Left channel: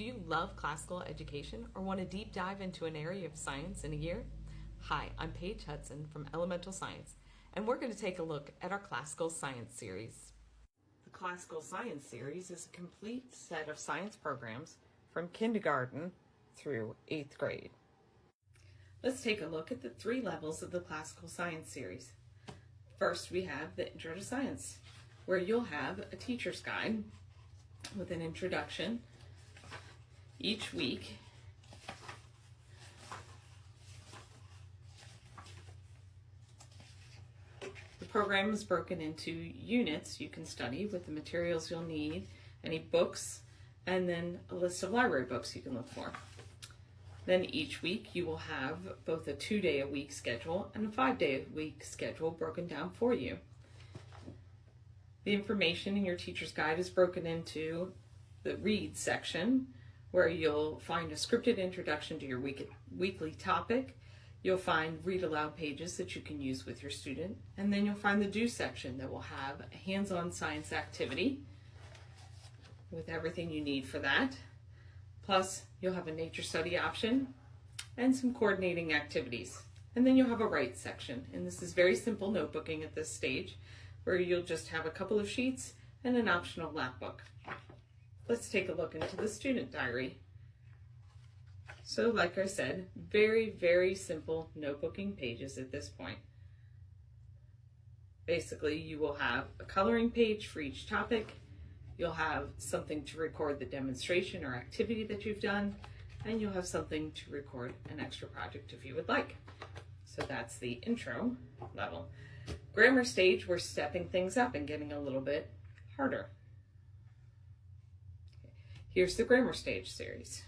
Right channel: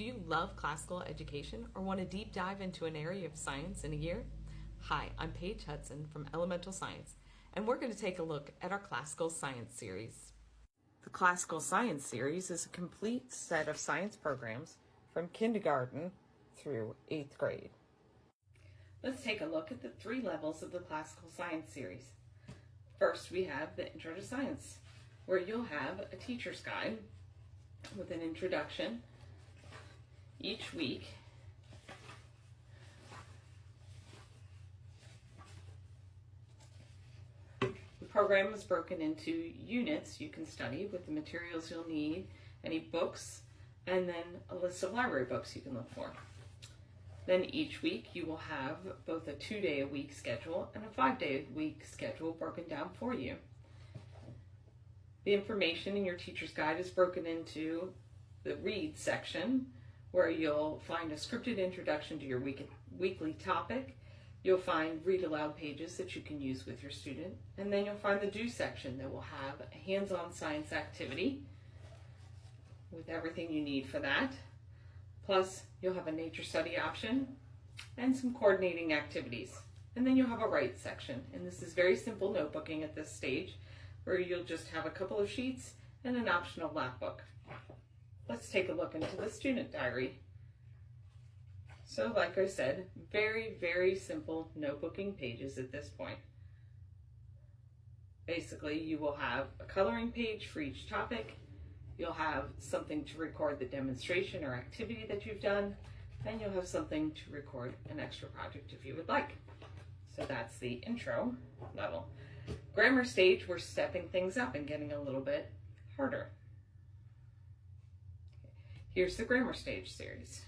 Do you love classical education or want to deep dive into an area of science in a year? Hi, I'm Paige Hudson from Elemental Science, and we're going to take a look at our Classical Science series. The Classical Science series is a complete set of science programs from kindergarten through 8th grade. Let's take a look at the 3 levels of the Classical Science series. First, we have the Intro to Science, where you'll have a teacher's guide with an introduction each week. The program is broken into units you can study with the materials you'll need, any books, and then a list of library books you can look for. Then each week you will have both a 2-day-a-week schedule and a 5-day-a-week schedule broken down for you. The information in your teacher's guide is broken into the read section, where you'll find a scripted introduction to your weekly topic. You'll find read aloud pages that you can use with your student, and then you'll find the do section that will have a hands-on science activity with everything you need for that. Plus, you'll have a nature study option and some coordinating activities. And then you'll have a write section, and this is very simple notebooking at this stage, where you'll just have a couple of sheets and an optional lap book. Let's take a look into the student diary. So like I said, very simple notebooking pages at this point. Basically, you will have a coloring page for each topic. You'll have something to record the demonstration or activity that you've done, and you'll have something to record an extra project if you would like. So that's the intro level. Grammar stage, we're stepping things up and getting a little bit harder. Here's the grammar stage series.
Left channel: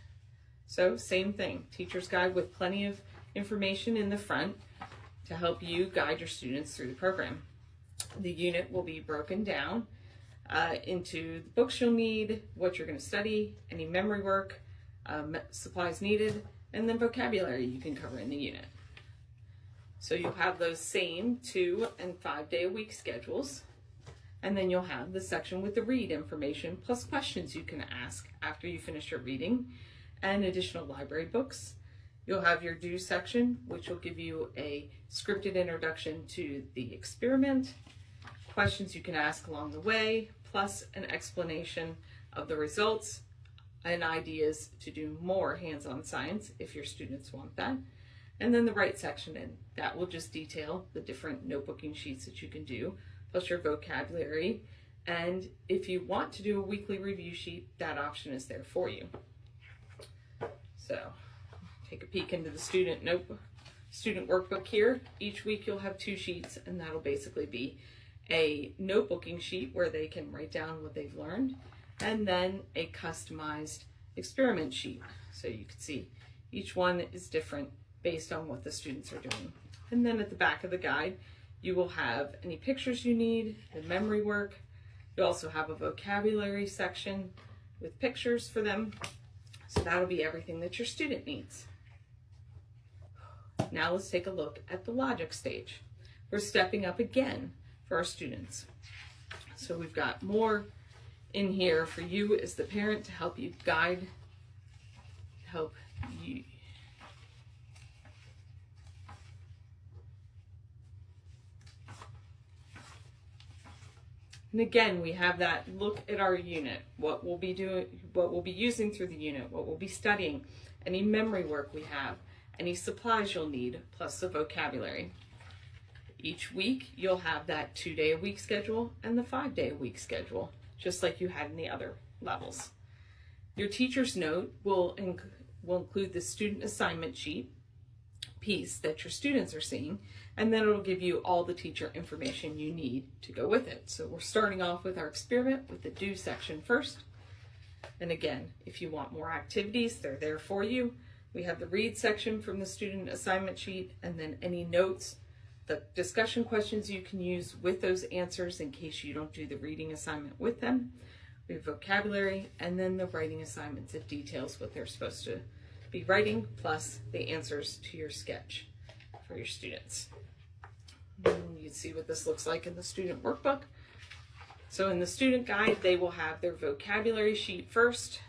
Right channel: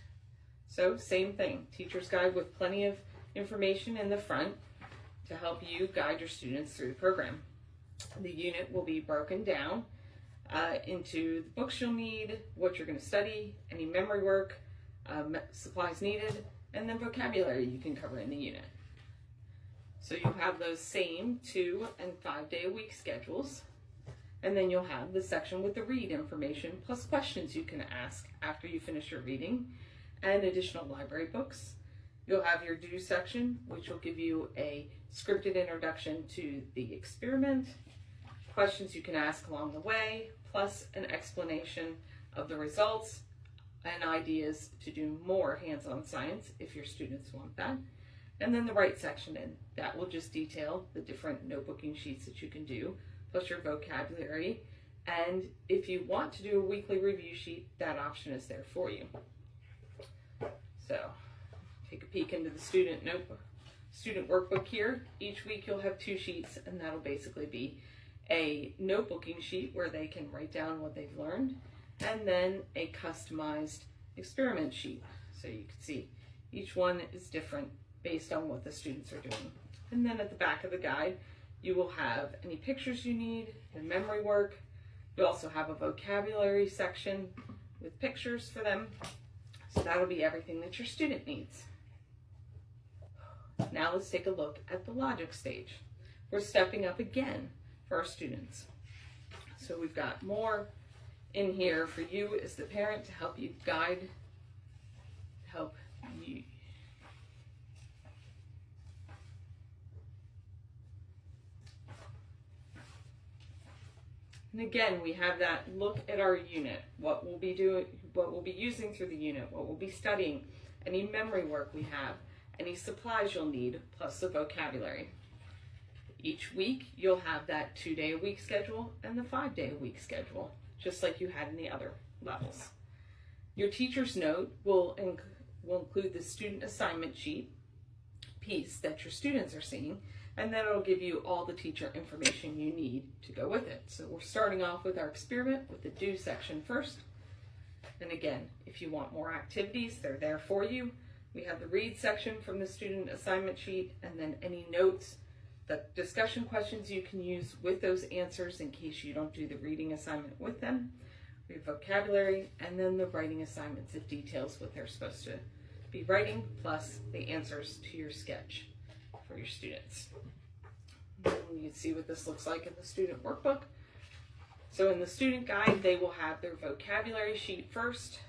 So same thing, teacher's guide with plenty of information in the front to help you guide your students through the program. The unit will be broken down into the books you'll need, what you're going to study, any memory work, supplies needed, and then vocabulary you can cover in the unit. So you'll have those same 2- and 5-day-a-week schedules. And then you'll have the section with the read information plus questions you can ask after you finish your reading and additional library books. You'll have your do section, which will give you a scripted introduction to the experiment, questions you can ask along the way, plus an explanation of the results and ideas to do more hands-on science if your students want that. And then the write section, and that will just detail the different notebooking sheets that you can do, plus your vocabulary. And if you want to do a weekly review sheet, that option is there for you. So take a peek into the student workbook here. Each week you'll have 2 sheets, and that'll basically be a notebooking sheet where they can write down what they've learned, and then a customized experiment sheet. So you can see each one is different based on what the students are doing. And then at the back of the guide, you will have any pictures you need, the memory work. You also have a vocabulary section with pictures for them. So that'll be everything that your student needs. Now let's take a look at the logic stage. We're stepping up again for our students. So we've got more in here for you as the parent to help you guide, help you. And again, we have that look at our unit, what we'll be doing, what we'll be using through the unit, what we'll be studying, any memory work we have, any supplies you'll need, plus the vocabulary. Each week, you'll have that 2-day-a-week schedule and the 5-day-a-week schedule, just like you had in the other levels. Your teacher's note will include the student assignment sheet piece that your students are seeing, and then it'll give you all the teacher information you need to go with it. So we're starting off with our experiment with the do section first. And again, if you want more activities, they're there for you. We have the read section from the student assignment sheet, and then any notes, the discussion questions you can use with those answers in case you don't do the reading assignment with them. We have vocabulary, and then the writing assignments. It details what they're supposed to be writing, plus the answers to your sketch for your students. And you can see what this looks like in the student workbook. So in the student guide, they will have their vocabulary sheet first,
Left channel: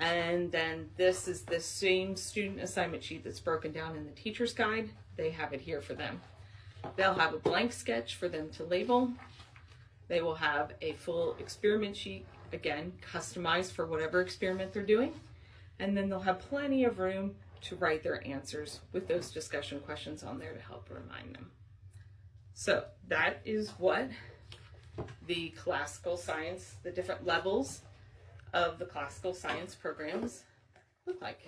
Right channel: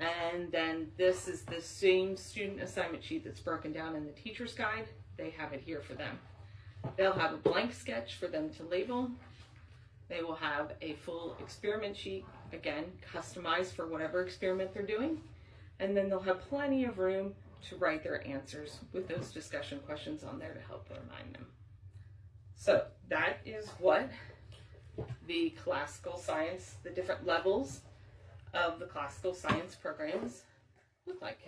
And then this is the same student assignment sheet that's broken down in the teacher's guide. They have it here for them. They'll have a blank sketch for them to label. They will have a full experiment sheet, again, customized for whatever experiment they're doing. And then they'll have plenty of room to write their answers with those discussion questions on there to help remind them. So that is what the classical science, the different levels of the classical science programs look like.